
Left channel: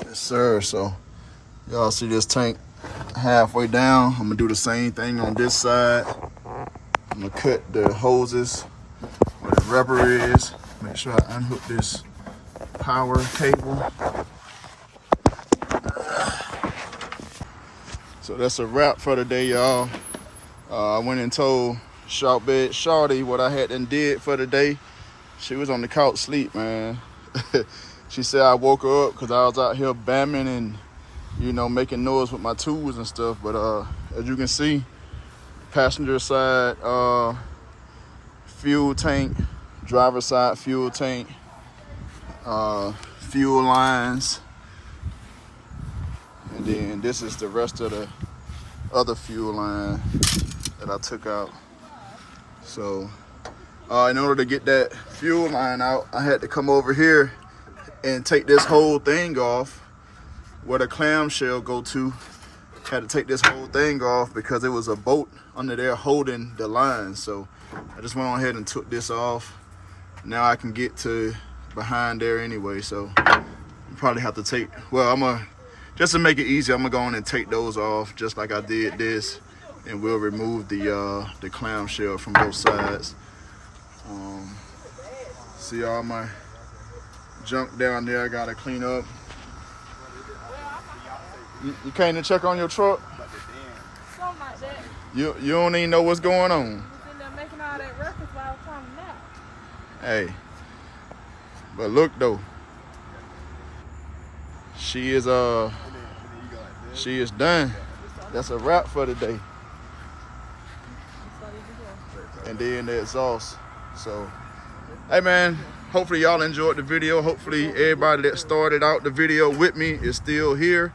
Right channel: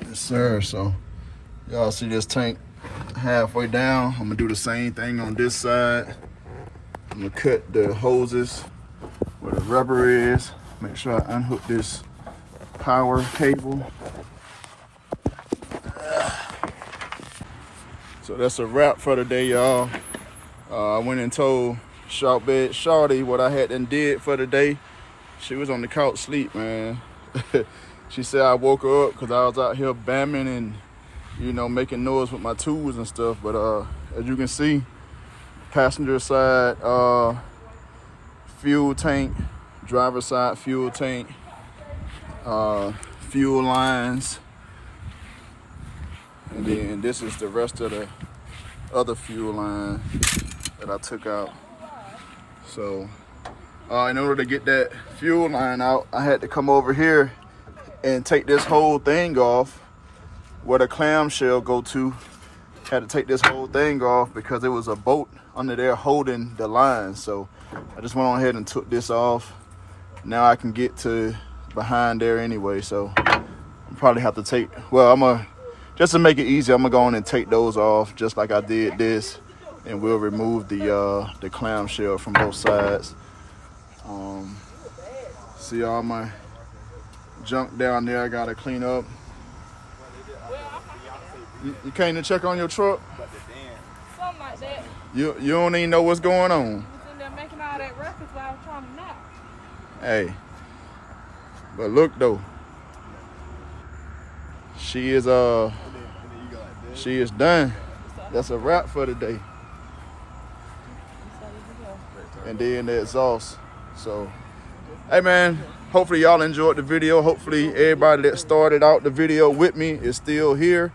Yes, sir. So y'all see this tank halfway down. I'm gonna do the same thing on this side. I'm gonna cut the hoses where the rubber is. Make sure I unhook this power cable. So that's a wrap for the day, y'all. I went and told ShawtBed Shawty what I had done did for the day. She was on the couch sleep, man. She said I woke her up because I was out here bamming and, you know, making noise with my tools and stuff. But as you can see, passenger side fuel tank, driver side fuel tank, fuel lines, and then this is the rest of the other fuel line that I took out. So in order to get that fuel line out, I had to come over here and take this whole thing off where the clamshell go to. Had to take this whole thing off because it was a bolt under there holding the line. So I just went on ahead and took this off. Now I can get to behind there anyway. So I'm probably have to take, well, just to make it easy, I'm gonna go on and take those off just like I did this, and we'll remove the clamshell from both sides. See all my junk down there I gotta clean up. You came to check on your truck? Something like that. You don't even know what's going on. Sitting there making all that records while I'm trying to nap. Hey, but look though, she is done. That's a wrap for today. And then the exhaust. So, hey man, hopefully y'all enjoyed the video. Hopefully everybody that started out the video with me is still here.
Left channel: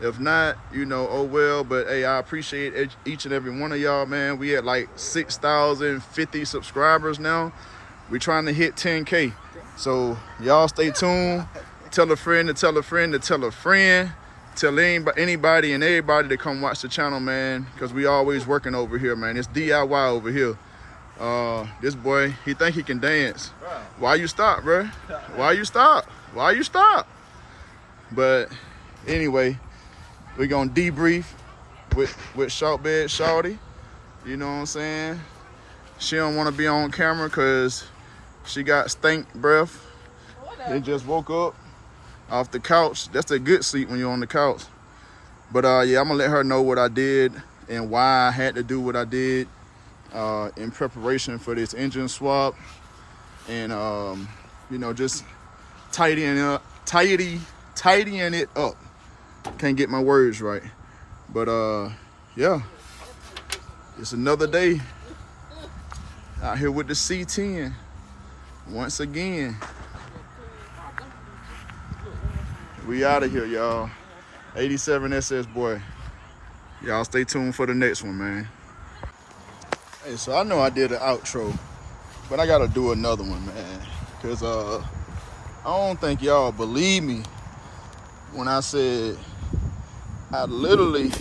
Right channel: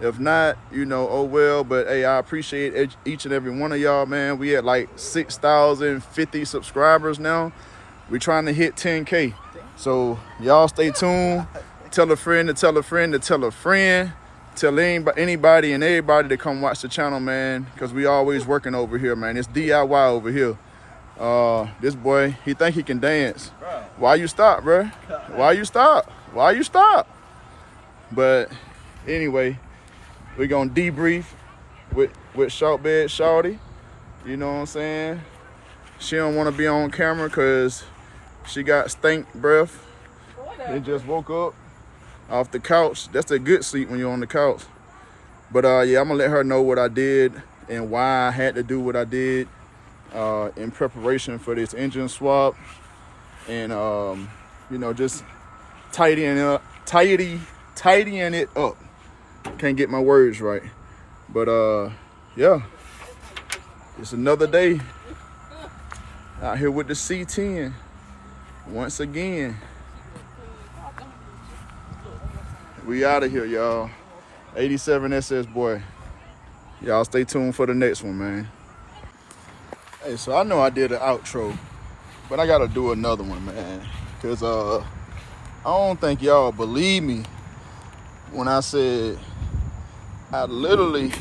If not, you know, oh well. But hey, I appreciate each and every one of y'all, man. We at like 6,050 subscribers now. We're trying to hit 10K. So y'all stay tuned. Tell a friend to tell a friend to tell a friend. Tell anybody and everybody to come watch the channel, man. Because we always working over here, man. It's DIY over here. This boy, he think he can dance. Why you stop, bro? Why you stop? Why you stop? But anyway, we're gonna debrief with ShawtBed Shawty. You know what I'm saying? She don't want to be on camera because she got stink breath. They just woke up off the couch. That's a good sleep when you're on the couch. But yeah, I'm gonna let her know what I did and why I had to do what I did in preparation for this engine swap, and you know, just tidying it up. Can't get my words right, but yeah, it's another day out here with the C10 once again. We out of here, y'all. 87 SS boy. Y'all stay tuned for the next one, man. Hey, so I know I did an outro, but I gotta do another one, man. Cause I don't think y'all believe me when I said I literally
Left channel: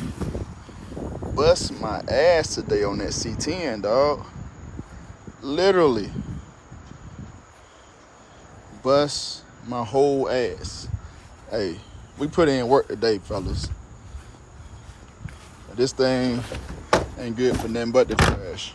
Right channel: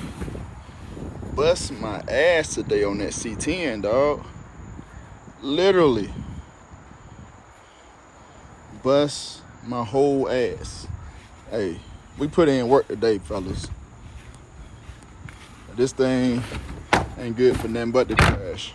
bust my ass today on that C10, dog. Literally bust my whole ass. Hey, we put in work today, fellas. This thing ain't good for nothing but the trash.